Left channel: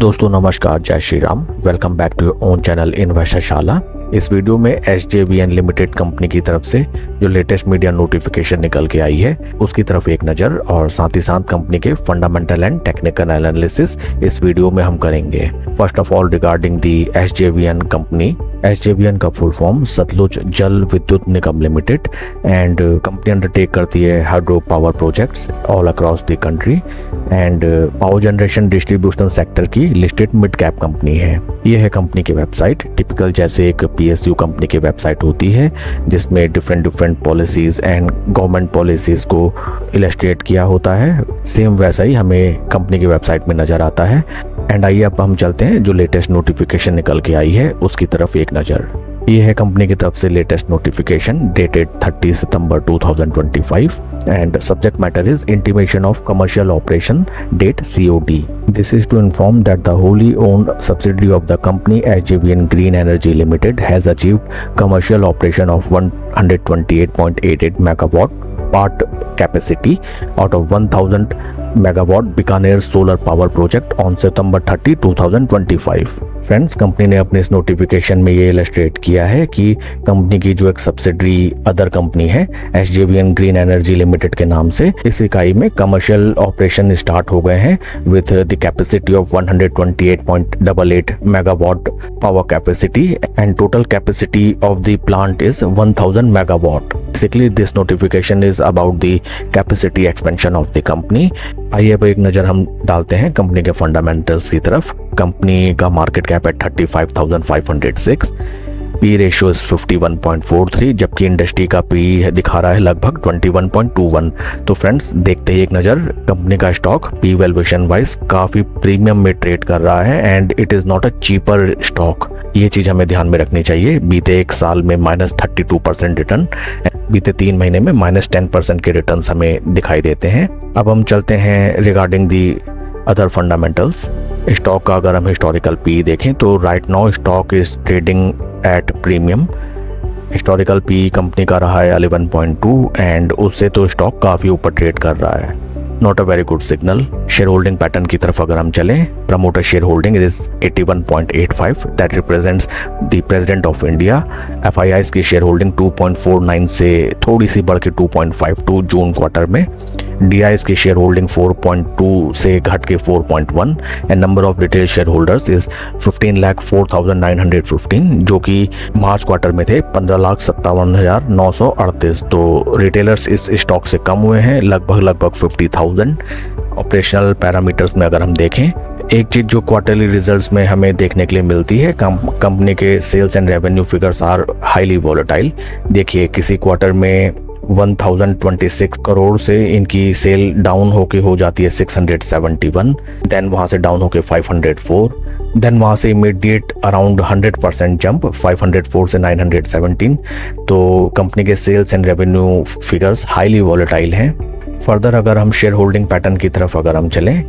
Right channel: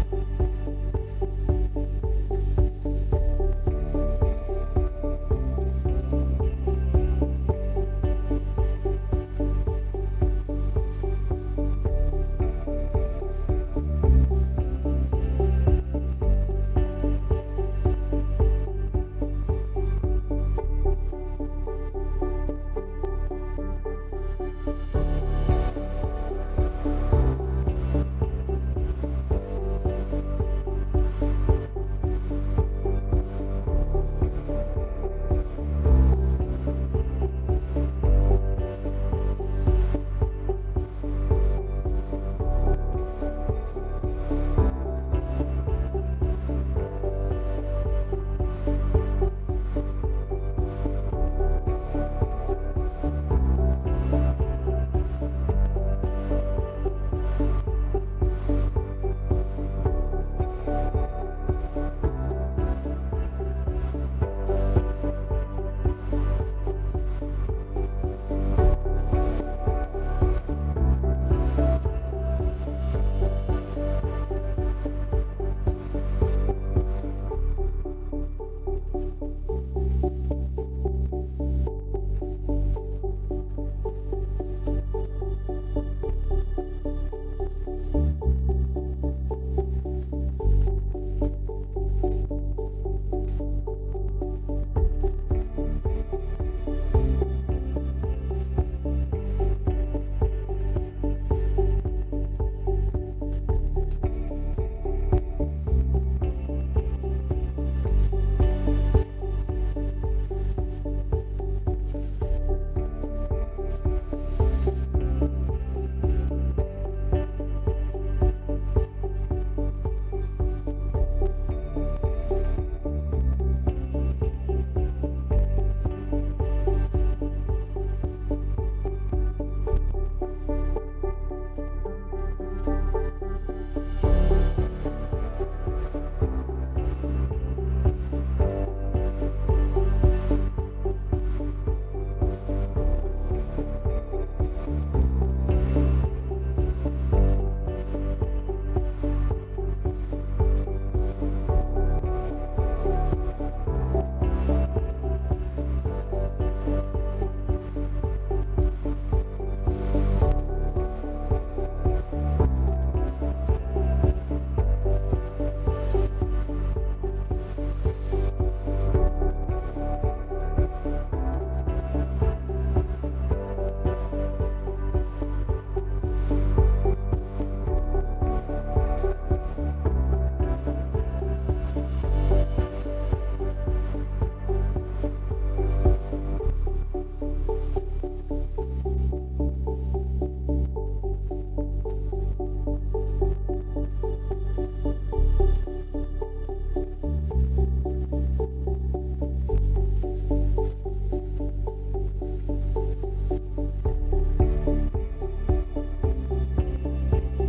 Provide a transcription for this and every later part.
दोस्तों नमस्कार, जय Shri Ram. Welcome back to your own channel Investorshala. इस वीडियो में SJVN लिमिटेड कंपनी की तरफ से जो लेटेस्ट मीडिया नोटिफिकेशन निकल के आई है उसकी तरफ एक नज़र और साथ ही साथ कंपनी के फंडामेंटल एंड टेक्निकल एनालिसिस इस वीडियो में हम करेंगे। First of all regarding the SJVN company. SJVN का फुल फॉर्म सतलुज जल विद्युत निगम लिमिटेड एंड कंपनी अंडरटेक करती है hydro power projects all across the country and power generation distribution sector की लिस्टेड मिड कैप कंपनी है। ये है कंपनी की वेबसाइट। टिपिकल जैसे एक PSU कंपनी की वेबसाइट होती है जिसमें different policies and government policies को इलस्ट्रेट किया होता है, सेम वैसा ही हमें कंपनी की वेबसाइट में नजर आता है। एंड आइए अब हम चलते हैं जो लेटेस्ट नोटिफिकेशन निकल के आई है उसकी तरफ एक नज़र। ये है कंपनी की तरफ से लेटेस्ट नोटिफिकेशन डेटेड 30 सितंबर 2025 and subject matter is intimation of commercial operation date COD। This is to inform that the wholly owned subsidiary of the company SJVN green energy limited has achieved commercial operation of 128.88 megawatt part capacity out of 1000 megawatt Bikaner solar power project on September 30, 2025। Friends, company ने अपने इस notification में ये illustrate किया है कि company की जो एक सब्सिडरी अदर कंपनी है SJVN ग्रीन एनर्जी लिमिटेड के नाम से, इस इकाई में कमर्शियल ऑपरेशन स्टार्ट हो गए हैं with the capacity of 128.88 megawatt power capacity and total capacity of the plant is 1000 megawatt. Basically this notification is about the capacity expansion of the company. आइए अब एक नज़र हम डालते हैं कंपनी के फंडामेंटल्स की तरफ। कंपनी का मार्केट कैप है 35,506, पी रेशियो इज 51.43, जबकि इंडस्ट्री का पी दिखा रहा है लगभग 21.21। तो फ्रेंड्स, देखते ही एक नज़र कंपनी का स्टॉक पी वैल्यूएशन वाइज काफ़ी प्रीमियम में ट्रेड कर रहा है and it is not a cheaper stock. ये चीज़ हमें ध्यान में रखनी चाहिए। बीते एक साल में -32% रिटर्न, बीते 3 महीने में -10% के रिटर्न्स हमें दिखाई देते हैं। अब हम चलते हैं regarding the other fundamentals. Stock का अगर हम हिस्टोरिकल पी देखें तो right now stock is trading at premium. Historical P company का रहा है 11.2 एंड उससे तो स्टॉक काफ़ी ऊपर ट्रेड कर रहा है। Not a very good signal. Share holding pattern की तरफ अगर हम चलें, promoter share holding is 81.85 that represents the president of India. FIIs की शेयर होल्डिंग 2.49 से थोड़ी सी बढ़ के 2.52 जून क्वार्टर में। DIs की शेयर होल्डिंग 4.2 से घट के 4.1 and number of retail share holders is 15,04,915 जो कि मार्च क्वार्टर में थे 15,57,938। तो रिटेलर्स इस स्टॉक से कम हुए हैं लगभग 50,000। ऑपरेशनल पैरामीटर्स में अगर हम देखें, एक चीज जो क्वार्टरली रिजल्ट्स में हमें देखने के लिए मिलती है, कंपनी के sales and revenue figures are highly volatile. देखिए, किसी क्वार्टर में 1026 करोड़ से इनकी सेल डाउन होके हो जाती है 671, देन वहां से डाउन होके 504, देन वहां से इमीडिएट अराउंड 100% जंप 504 से 917। तो कंपनी के sales and revenue figures highly volatile हैं। फर्दर अगर हम शेयर होल्डिंग पैटर्न की तरफ अगर हम चलें,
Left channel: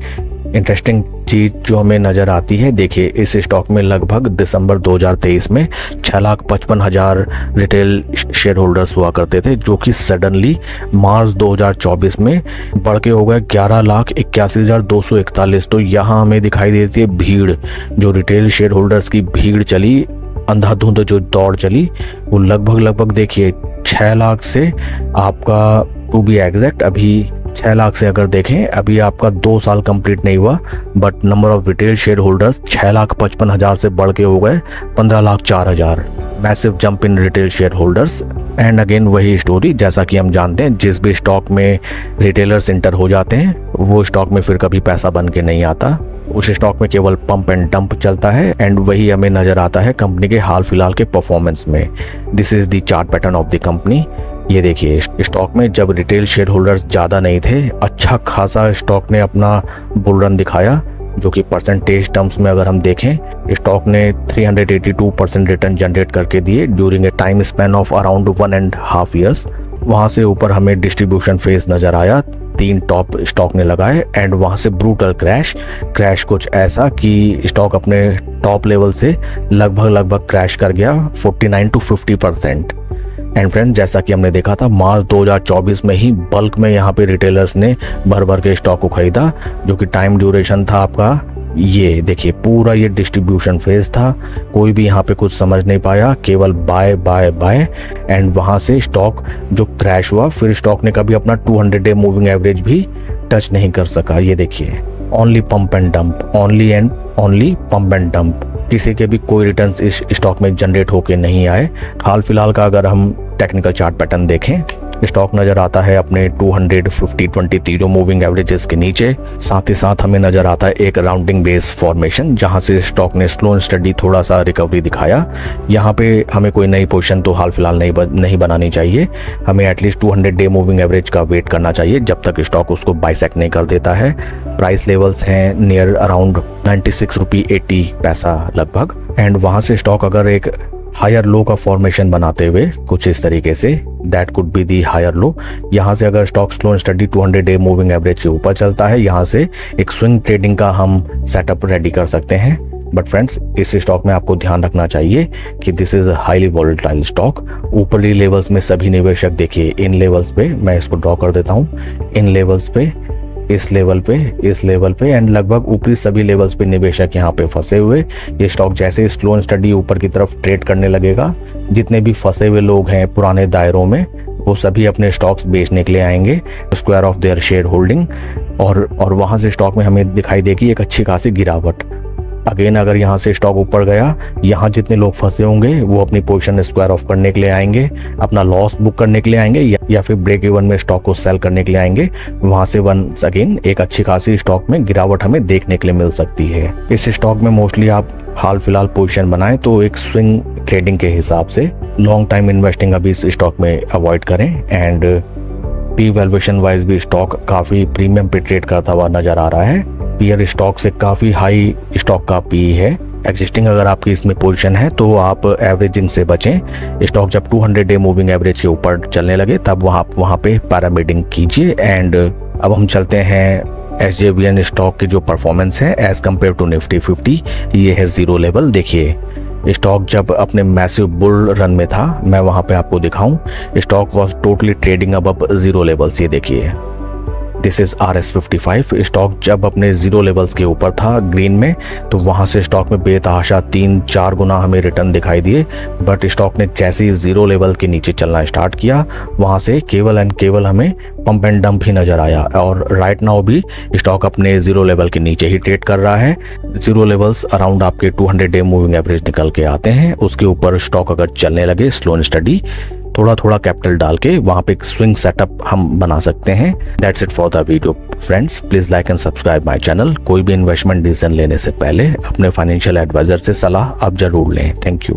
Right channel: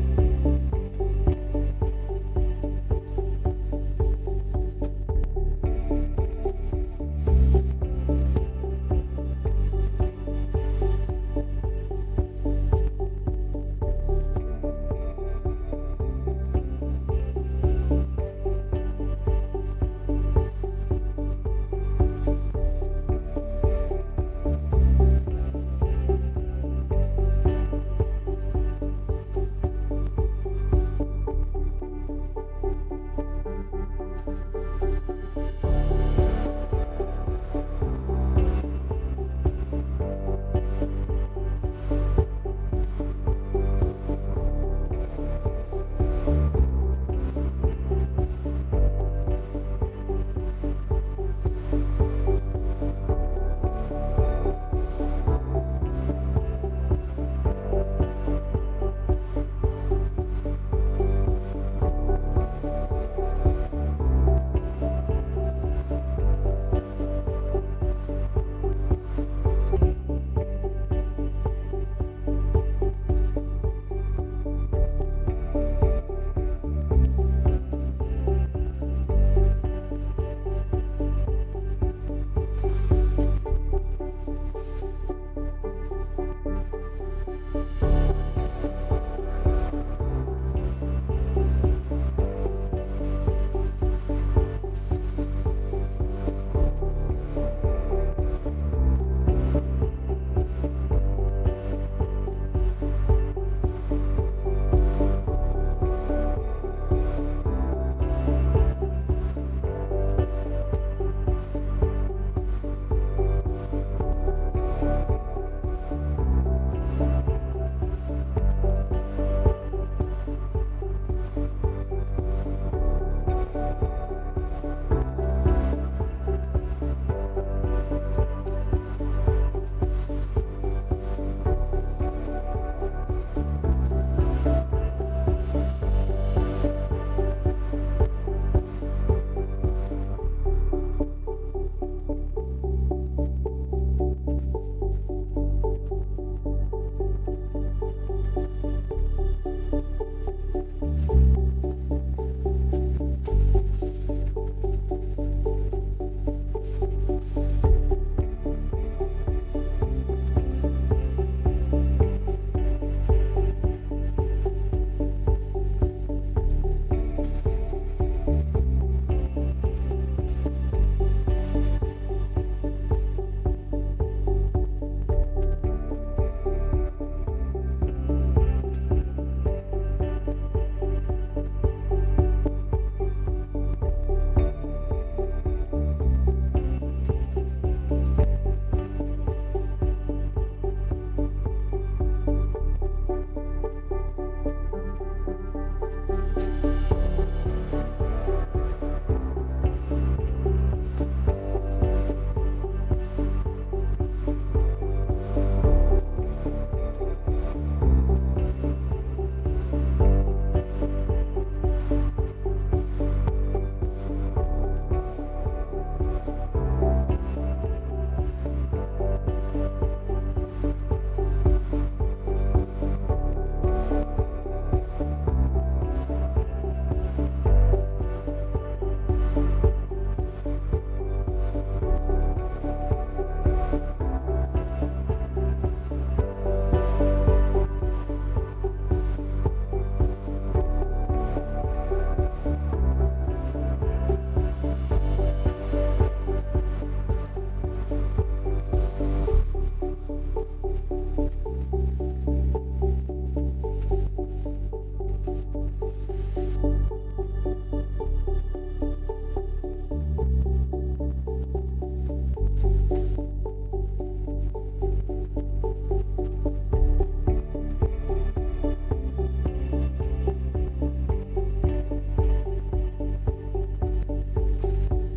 इंटरेस्टिंग चीज जो हमें नजर आती है, देखिए इस स्टॉक में लगभग दिसंबर 2023 में 6,55,000 रिटेल शेयर होल्डर्स हुआ करते थे जो कि सडनली मार्च 2024 में बढ़ के हो गए 11,81,241। तो यहाँ हमें दिखाई देती है भीड़, जो रिटेल शेयर होल्डर्स की भीड़ चली, अंधाधुंध जो दौड़ चली, वो लगभग देखिए 6 लाख से आपका टू बी एग्जैक्ट अभी 6 लाख से अगर देखें, अभी आपका 2 साल कंप्लीट नहीं हुआ but number of retail share holders 6,55,000 से बढ़ के हो गए 15,04,000। Massive jump in retail share holders. And again वही स्टोरी, जैसा कि हम जानते हैं जिस भी स्टॉक में रिटेलर्स इंटर हो जाते हैं वो स्टॉक में फिर कभी पैसा बन के नहीं आता, उस स्टॉक में केवल पंप एंड डंप चलता है। एंड वही हमें नजर आता है कंपनी के हाल फिलहाल के परफॉर्मेंस में। This is the chart pattern of the company. ये देखिए, स्टॉक में जब रिटेल शेयर होल्डर्स ज़्यादा नहीं थे, अच्छा खासा स्टॉक ने अपना बुल रन दिखाया, जो कि परसेंटेज टर्म्स में अगर हम देखें, स्टॉक ने 382% रिटर्न जनरेट करके दिए during a time span of around 1.5 years. वहाँ से ऊपर हमें डिस्ट्रीब्यूशन फेज नज़र आया, 3 टॉप स्टॉक ने लगाए एंड वहाँ से ब्रूटल क्रैश कुछ ऐसा कि स्टॉक अपने टॉप लेवल से लगभग क्रैश कर गया 49 to 50%। एंड फ्रेंड, जैसा कि हमने देखा था मार्च 2024 में ही बल्क में यहाँ पे रिटेलर्स ने भर भर के स्टॉक को खरीदा, जो कि टाइम ड्यूरेशन था आपका ये देखिए पूरा ये डिस्ट्रीब्यूशन फेज था, कोई भी यहाँ पे कुछ समझ नहीं पाया, केवल बाय बाय बाय एंड वहाँ से स्टॉक जो क्रैश हुआ, फिर स्टॉक ने कभी अपना 200 डे मूविंग एवरेज भी टच नहीं कर सका। ये देखिए only pump and dump, only and only pump and dump, किसी के भी कोई रिटर्न्स इस स्टॉक में जनरेट होके नहीं आए। हाल फिलहाल का अगर हम टेक्निकल चार्ट पैटर्न देखें, स्टॉक नजर आता है अपने 250-23 मूविंग एवरेजेस के नीचे। साथ ही साथ हमें नजर आता है एक राउंडिंग बेस फॉर्मेशन, जहां से स्टॉक ने स्लो एंड स्टडी थोड़ा सा रिकवरी दिखाया। यहाँ पे हमें कोई नई पोजीशन तो हाल फिलहाल नहीं बनानी चाहिए, हमें एटलीस्ट 200 डे मूविंग एवरेज का वेट करना चाहिए जब तक स्टॉक उसको बाइसेक्ट नहीं कर देता है। प्राइस लेवल्स हैं नियर अराउंड 96 रुपये 80 पैसा लगभग, एंड वहां से स्टॉक अगर एक हायर लो का फॉर्मेशन बनाते हुए कुछ इस तरीके से, that could be the higher low, यहाँ से अगर stock slow and study 200 day moving average के ऊपर चलता है, यहाँ से एक स्विंग ट्रेडिंग का हम सेटअप रेडी कर सकते हैं। बट फ्रेंड्स, इस स्टॉक में आपको ध्यान रखना चाहिए कि this is highly volatile stock. ऊपरी लेवल्स में सभी निवेशक देखिए, इन लेवल्स पे मैं इसको ड्रॉ कर देता हूँ, इन लेवल्स पे, इस लेवल पे एंड लगभग ऊपरी सभी लेवल्स पे निवेशक यहाँ पे फंसे हुए। ये स्टॉक जैसे स्लो एंड स्टडी ऊपर की तरफ ट्रेड करने लगेगा, जितने भी फंसे हुए लोग हैं पुराने दायरों में, वो सभी अपने स्टॉक्स बेचने के लिए आएंगे, square of their share holding, और वहां से स्टॉक में हमें दिखाई देगी एक अच्छी खासी गिरावट। अगेन अगर यहाँ से स्टॉक ऊपर गया, यहाँ जितने लोग फंसे होंगे वो अपनी पोजीशन स्क्वायर ऑफ करने के लिए आएंगे, अपना लॉस बुक करने के लिए आएंगे, या फिर ब्रेक इवन में स्टॉक को सेल करने के लिए आएंगे। वहां से वंस अगेन एक अच्छी खासी स्टॉक में गिरावट हमें देखने के लिए मिल सकती है। इस स्टॉक में मोस्टली आप हाल फिलहाल पोजीशन बनाएं तो एक स्विंग ट्रेडिंग के हिसाब से, लॉन्ग टाइम इन्वेस्टिंग अभी इस स्टॉक में अवॉइड करें। एंड पी वैल्यूएशन वाइज भी स्टॉक काफी प्रीमियम पे ट्रेड करता हुआ नजर आ रहा है। पीयर स्टॉक से काफी हाई स्टॉक का पी है। एग्जिस्टिंग अगर आपकी इसमें पोजीशन है तो आप एवरेजिंग से बचें। स्टॉक जब 200 डे मूविंग एवरेज के ऊपर चलने लगे तब वहाँ पे पैरामीडिंग कीजिए। एंड अब हम चलते हैं SJVN स्टॉक की जो परफॉर्मेंस है एज कम्पेयर टू निफ्टी 50, ये है जीरो लेवल। देखिए स्टॉक जब अपने मैसिव बुल रन में था, मैं वहां पे आपको दिखाऊं, स्टॉक वाज टोटली ट्रेडिंग अब जीरो लेवल्स। ये देखिए दिस इज RS55। स्टॉक जब अपने जीरो लेवल्स के ऊपर था ग्रीन में, तो वहां से स्टॉक में बेतहाशा 3-4 गुना हमें रिटर्न दिखाई दिए। बट स्टॉक ने जैसे ही जीरो लेवल के नीचे चलना स्टार्ट किया, वहां से केवल एंड केवल हमें पंप एंड डंप ही नजर आया। और राइट नाउ भी स्टॉक अपने जीरो लेवल के नीचे ही ट्रेड कर रहा है। जीरो लेवल्स अराउंड आपके 200 डे मूविंग एवरेज निकल के आते हैं। उसके ऊपर स्टॉक अगर चलने लगे स्लो एंड स्टडी, थोड़ा थोड़ा कैपिटल डाल के वहां पे एक स्विंग सेटअप हम बना सकते हैं। That's it for the video friends, please like and subscribe my channel. कोई भी इन्वेस्टमेंट डिसीजन लेने से पहले अपने फाइनेंशियल एडवाइजर से सलाह आप जरूर लें। Thank you.